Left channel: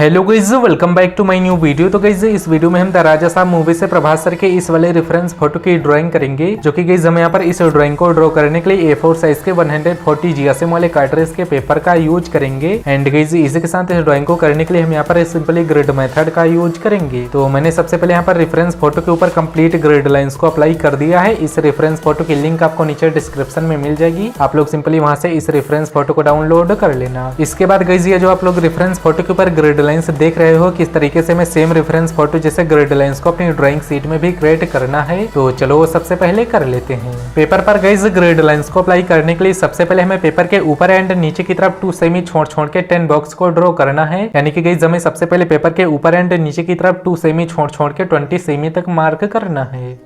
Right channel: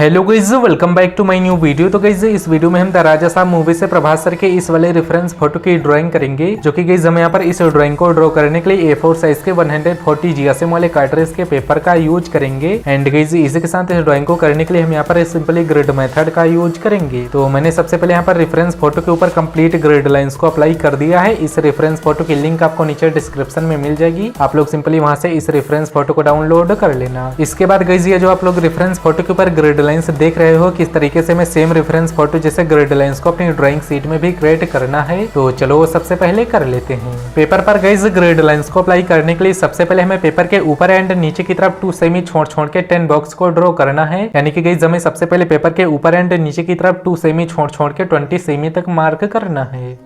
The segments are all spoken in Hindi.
Hello guys, welcome back to my new video. तो गाइज इस वीडियो में हम द राजा साहब मूवी से प्रभास सर के इस वाले रेफरेंस फोटो की ड्राइंग करेंगे, जो कि गाइज हम यहाँ पर इस ड्राइंग को ड्रॉ करने के लिए A4 साइज के 140 GSM वाले कार्ट्रिज के पेपर का यूज करेंगे। एंड गाइज इसी के साथ इस ड्राइंग को करने के लिए हम यहाँ पर सिंपली ग्रिड मेथड का यूज करेंगे। तो मैंने सबसे पहले यहाँ पर रेफरेंस फोटो के ऊपर कंप्लीट ग्रिड लाइंस को अप्लाई कर दिया है। इस रेफरेंस फोटो की लिंक आपको नीचे डिस्क्रिप्शन में मिल जाएगी, आप लोग सिंपली वहां से इस रेफरेंस फोटो को डाउनलोड कर लेना। इसके बाद गाइज ये जो आप लोग रेफरेंस फोटो के ऊपर ग्रिड लाइंस देख रहे हो, किस तरीके से मैं सेम रेफरेंस फोटो जैसे ग्रिड लाइंस को अपनी ड्राइंग शीट में भी क्रिएट करना है। तो चलो वो सबसे पहले कर लेते हैं। पेपर पर गाइस ग्रिड लाइंस को अप्लाई करने के लिए सबसे पहले हमें पेपर के ऊपर एंड नीचे की तरफ 2 सेमी छोड़ के 10 बॉक्स को ड्रॉ करना है। यानी कि गाइस हमें सबसे पहले पेपर के ऊपर एंड नीचे की तरफ 2 सेमी छोड़ के 20 सेमी तक मार्क करना है।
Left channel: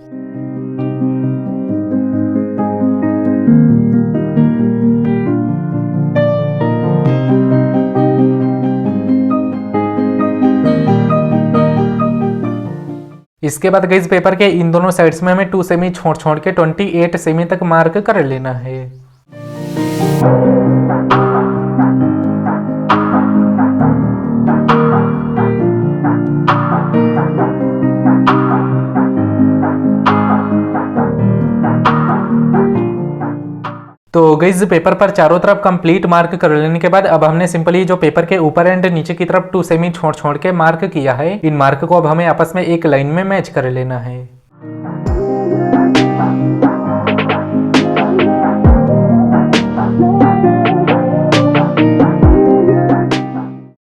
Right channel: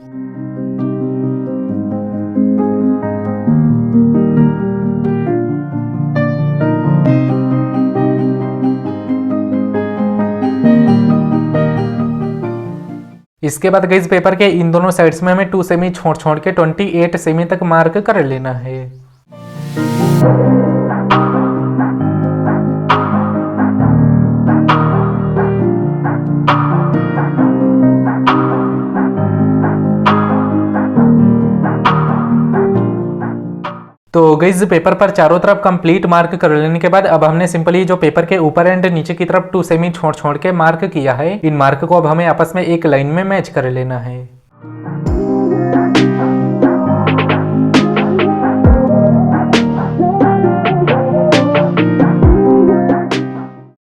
इसके बाद गाइस पेपर के इन दोनों साइड्स में हमें 2 सेमी छोड़ के 28 सेमी तक मार्क कर लेना है। तो गाइस पेपर पर चारों तरफ कंप्लीट मार्क कर लेने के बाद अब हमने सिंपली जो पेपर के ऊपर एंड नीचे की तरफ 2 सेमी छोड़ के मार्क किया है, इन मार्क को अब हमें आपस में एक लाइन में मैच कर लेना है।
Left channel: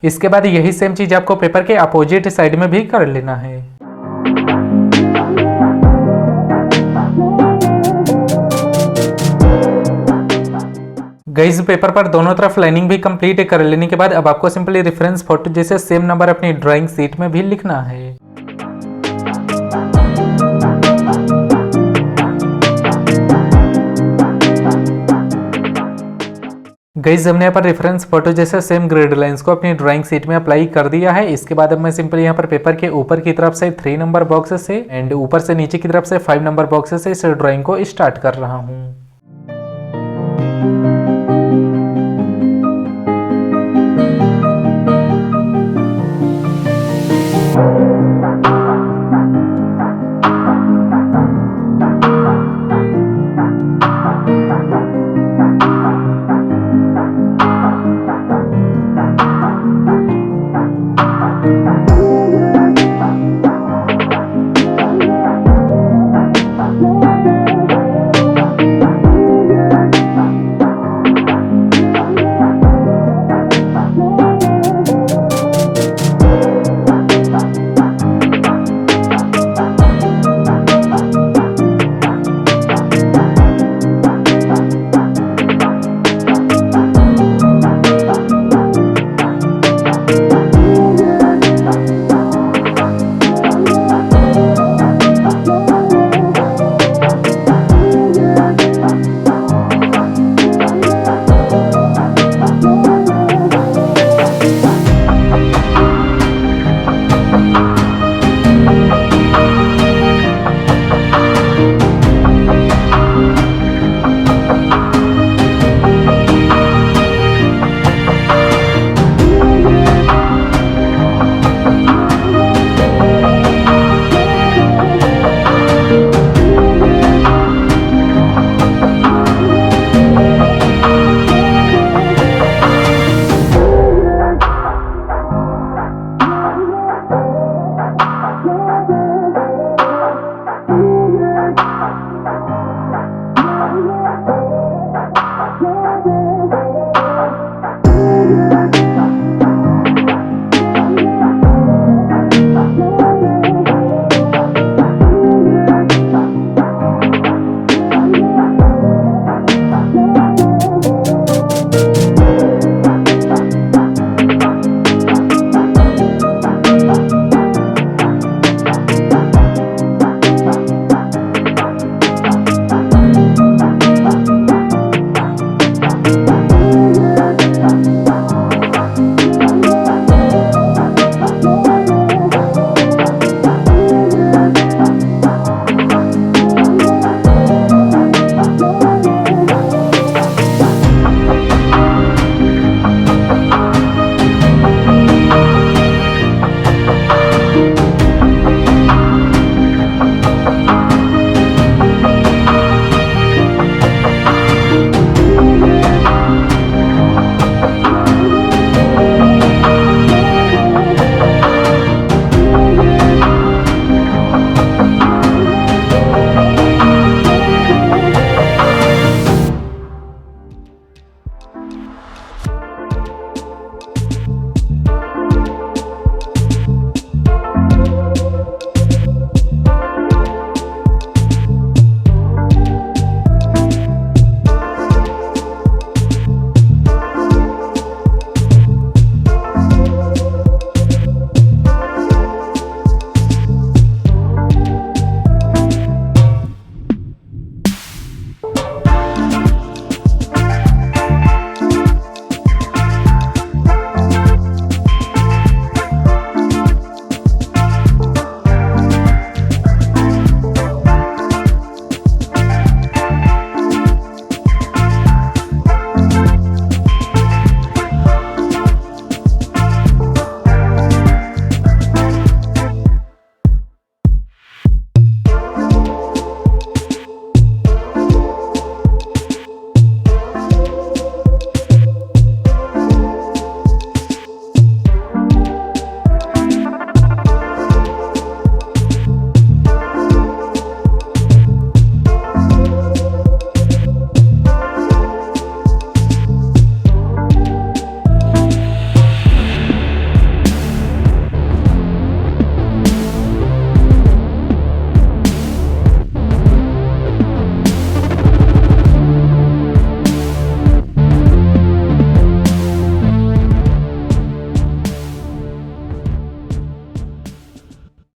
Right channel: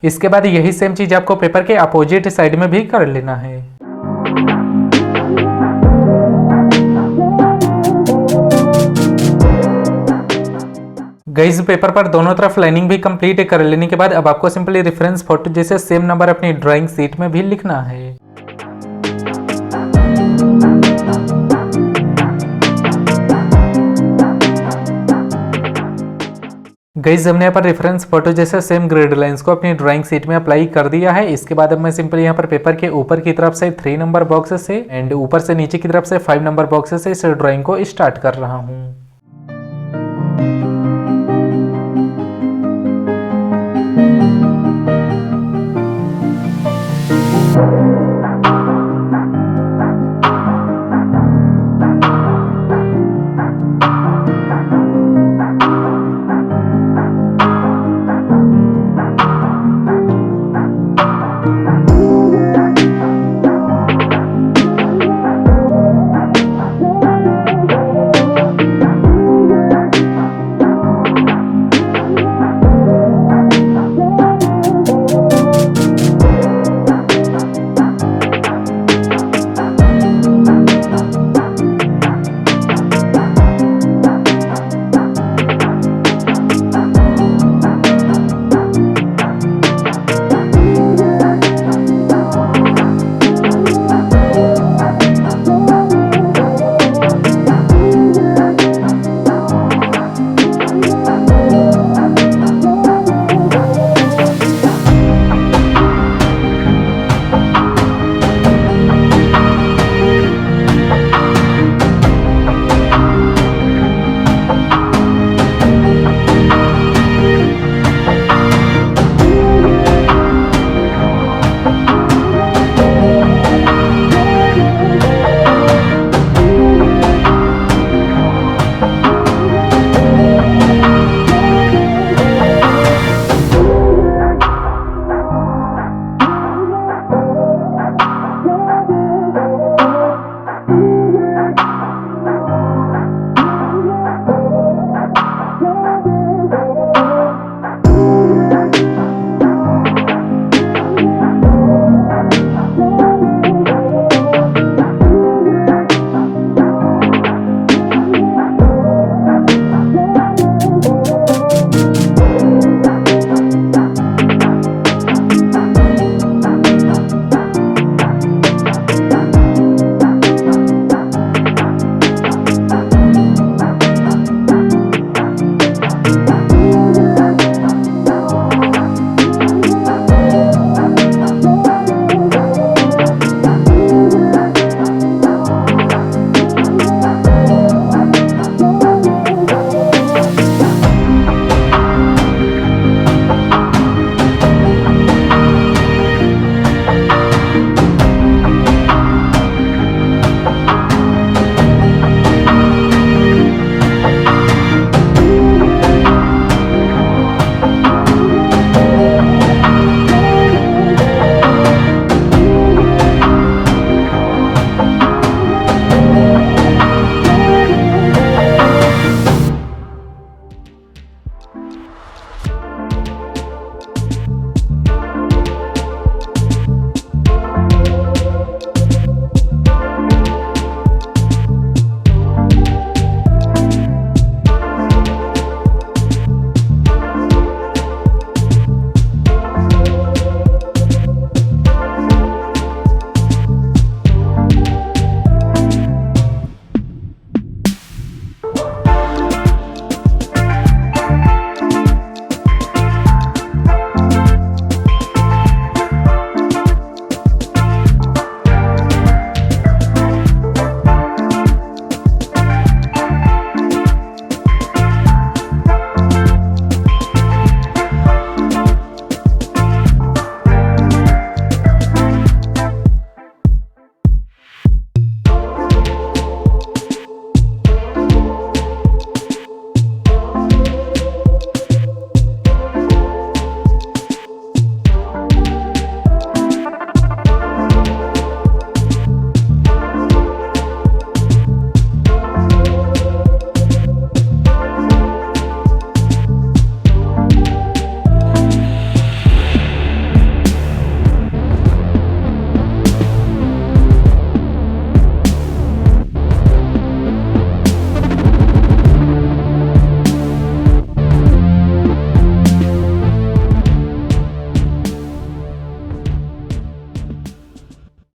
इसके बाद यही सेम चीज आपको पेपर के अपोजिट साइड में भी कर लेना है। गाइस पेपर पर दोनों तरफ लाइनिंग भी कंप्लीट कर लेने के बाद अब आपको सिंपली रेफरेंस फोटो जैसे सेम नंबर अपनी ड्राइंग शीट में भी लिखना है। गाइस हमने यहाँ पर रेफरेंस फोटो जैसे सेम ग्रिड लाइंस को अपनी ड्राइंग शीट में अप्लाई कर दिया है। इसके बाद अब मैं सिंपली यहाँ पर पेपर के ऊपर की तरफ से 3 नंबर बॉक्स से एंड ऊपर से नीचे की तरफ से 5 नंबर बॉक्स से इस ड्राइंग को स्टार्ट कर रहा हूँ।